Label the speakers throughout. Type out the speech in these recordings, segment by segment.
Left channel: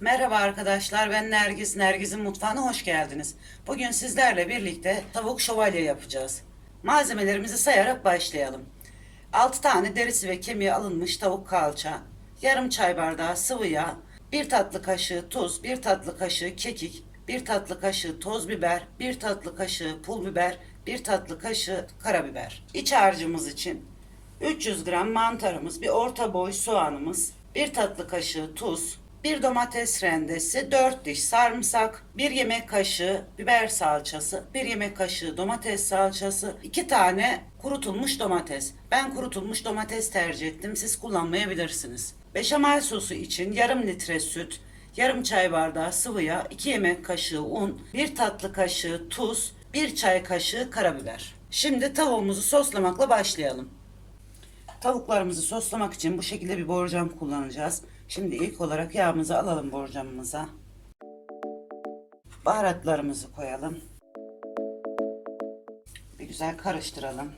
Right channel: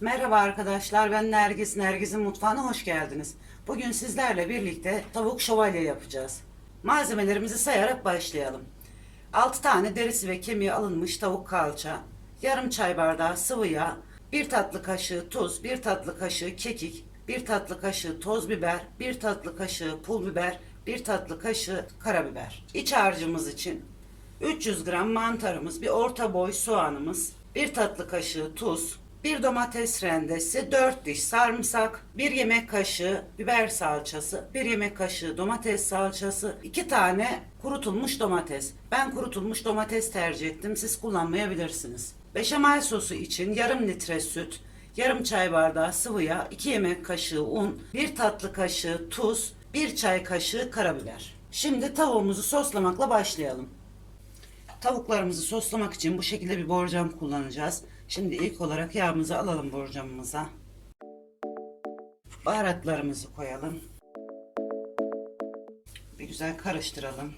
Speaker 1: Merhaba arkadaşlar ben Nergis. Nergis'in mutfağına hoş geldiniz. Bugün sizlerle birlikte tavuk şövalye yapacağız. Malzemelerimizi sayarak başlayalım. 6 tane derisi ve kemiği alınmış tavuk kalça, yarım çay bardağı sıvı yağ, 1 tatlı kaşığı tuz, 1 tatlı kaşığı kekik, 1 tatlı kaşığı toz biber, 1 tatlı kaşığı pul biber, 1 tatlı kaşığı karabiber. İç harcımız için 300 gram mantarımız, bir orta boy soğanımız, 1 tatlı kaşığı tuz, 1 domates rendesi, 4 diş sarımsak, 1 yemek kaşığı biber salçası, 1 yemek kaşığı domates salçası, 2 tane kurutulmuş domates. Ben kurutulmuş domates tercih ettim. Siz kullanmayabilirsiniz. Beşamel sosu için yarım litre süt, yarım çay bardağı sıvı yağ, 2 yemek kaşığı un, 1 tatlı kaşığı tuz, 1 çay kaşığı karabiber. Şimdi tavuğumuzu soslamakla başlayalım. Tavuklarımızı soslamak için bu şekilde bir borcam kullanacağız. Şimdi ilk olarak yağımızı alalım borcamımıza. Baharatlarımızı koyalım. Bir güzel karıştıralım.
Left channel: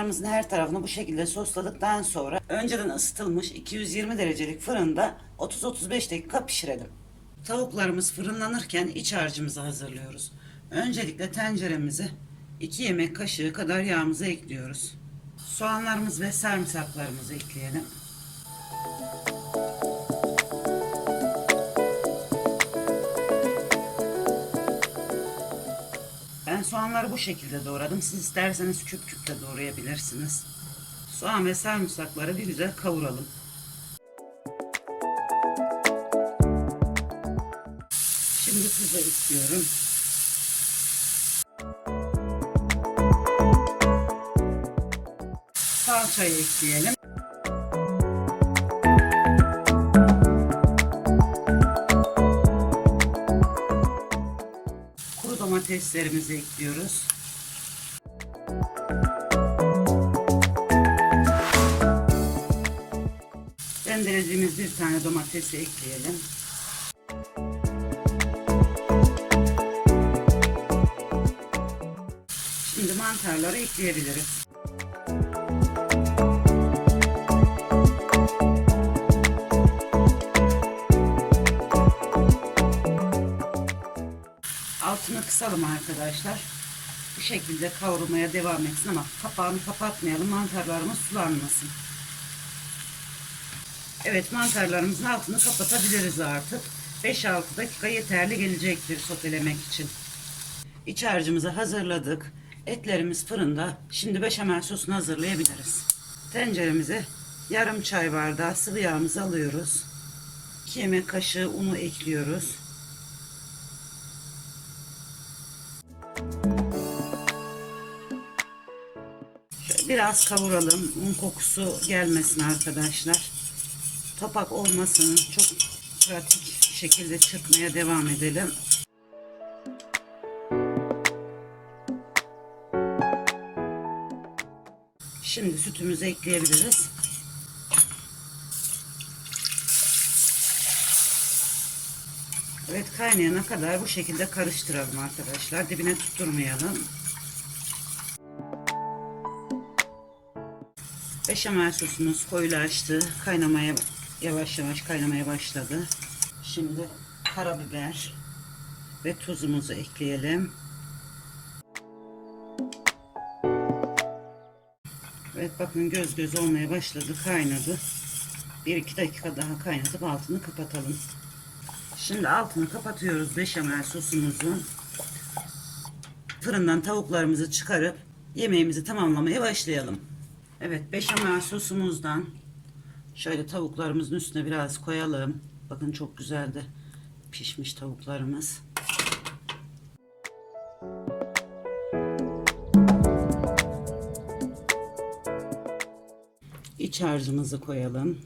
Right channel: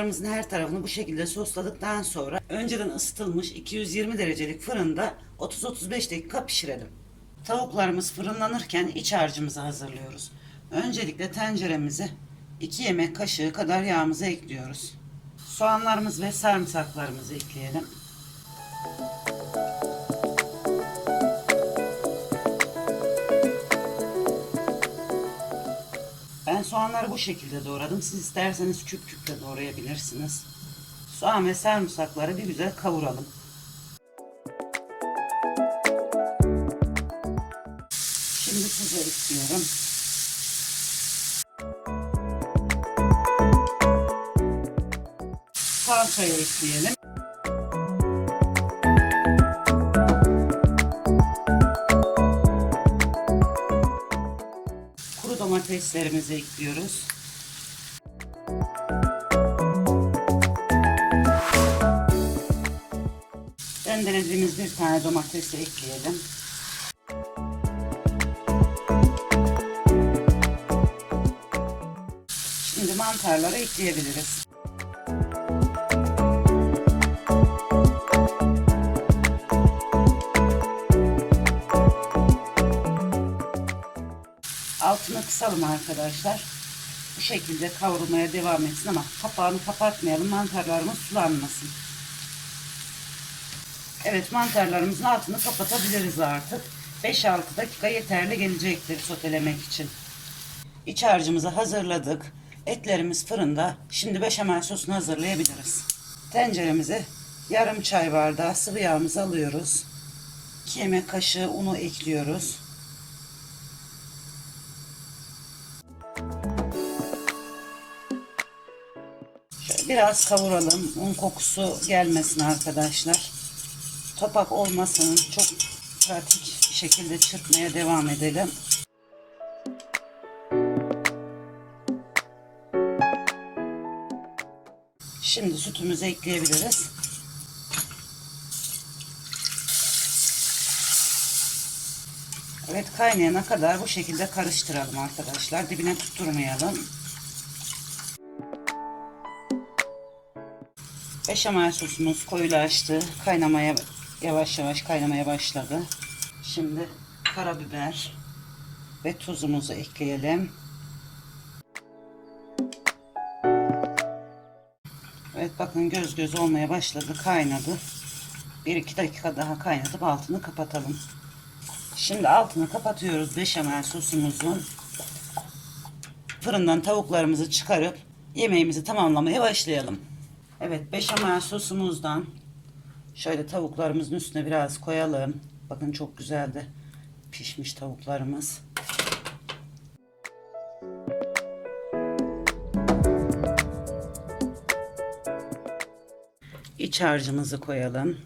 Speaker 1: Tavuklarımızın her tarafını bu şekilde sosladıktan sonra önceden ısıtılmış 220 derecelik fırında 30-35 dakika pişirelim. Tavuklarımız fırınlanırken iç harcımızı hazırlıyoruz. Öncelikle tenceremize 2 yemek kaşığı kadar yağımızı ekliyoruz. Soğanlarımız ve sarımsaklarımızı ekleyelim. Ben soğanları bu şekilde doğradım. Siz isterseniz küp küp de doğrayabilirsiniz. Soğan ve sarımsakları bir güzel kavuralım. Şimdi tuz ekliyorum. Salçayı ekleyelim. Kuru domateslerimizi ekliyoruz. Rendelediğimiz bir tane domatesi ekleyelim. Şimdi mantarları ekleyebiliriz. Altını kısalım arkadaşlar. Bu şekilde kavrulmaya devam etsin ama kapağını kapatmayalım. Mantarlarımız sulanmasın. Evet mantarlarımızın altını kapatabiliriz artık. 5-6 dakika yeterli gelecektir sotelemek için. İç harcımızı hazırladık. Etlerimiz fırında. Şimdi beşamel sosunu hazırlayabiliriz. Tenceremize yarım çay bardağı sıvı yağımızı alıyoruz. 2 yemek kaşığı unu ekliyoruz. Biraz kavuralım. Un kokusu gelmesin arkadaşlar. Topak olmasın. Çok pratik şekilde çırpmaya devam edelim. Şimdi sütümüzü ekleyebiliriz. Evet kaynayana kadar bu şekilde karıştıralım arkadaşlar. Dibine tutturmayalım. Beşamel sosumuz koyulaştı. Kaynamaya yavaş yavaş kaynamaya başladı. Şimdi karabiber ve tuzumuzu ekleyelim. Evet bakın göz göz olmaya başladı. Kaynadı. 1-2 dakika daha kaynatıp altını kapatalım. Şimdi altını kapatıyoruz beşamel sosumuzun. Fırından tavuklarımızı çıkarıp yemeğimizi tamamlamaya başlayalım. Evet beşamel sosumuzdan şöyle tavuklarımızın üstüne biraz koyalım. Bakın çok güzel de pişmiş tavuklarımız. İç harcımızı koyalım.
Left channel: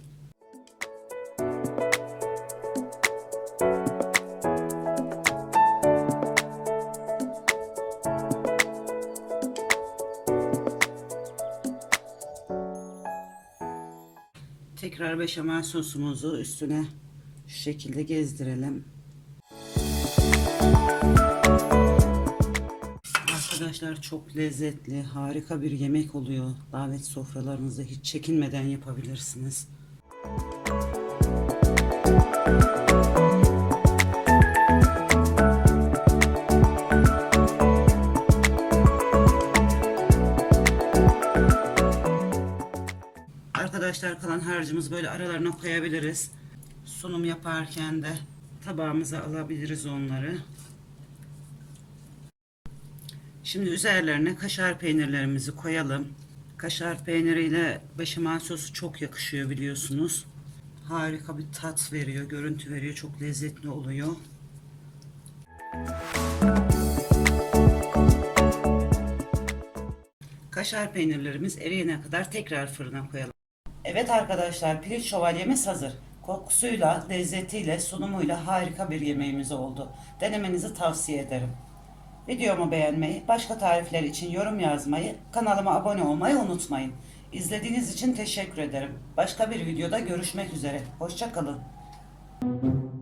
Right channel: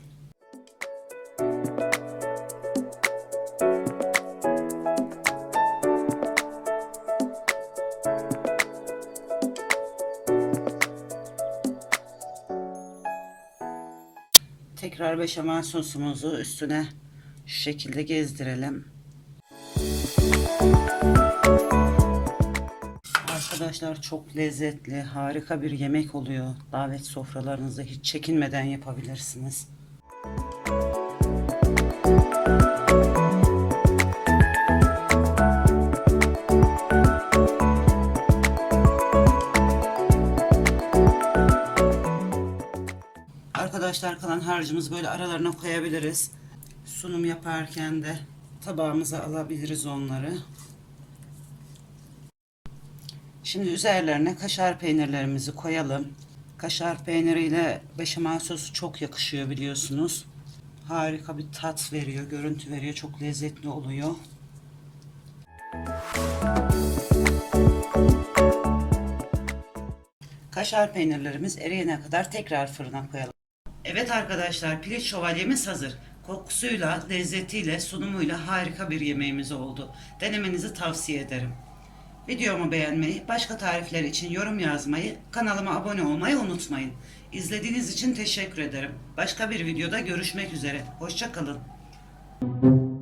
Speaker 1: Tekrar beşamel sosumuzu üstüne şu şekilde gezdirelim. Arkadaşlar çok lezzetli, harika bir yemek oluyor. Davet sofralarınızda hiç çekinmeden yapabilirsiniz. Arkadaşlar kalan harcımız böyle aralarına koyabiliriz. Sunum yaparken de tabağımıza alabiliriz onları. Şimdi üzerlerine kaşar peynirlerimizi koyalım. Kaşar peyniriyle beşamel sosu çok yakışıyor biliyorsunuz. Harika bir tat veriyor, görüntü veriyor. Çok lezzetli oluyor. Kaşar peynirlerimiz eriyene kadar tekrar fırına koyalım. Evet arkadaşlar pirinç şövalyemiz hazır. Kokusuyla, lezzetiyle, sunumuyla harika bir yemeğimiz oldu. Denemenizi tavsiye ederim. Videomu beğenmeyi, başka tarifler için yorum yazmayı, kanalıma abone olmayı unutmayın. İzlediğiniz için teşekkür ederim. Başka bir videoda görüşmek üzere. Hoşçakalın.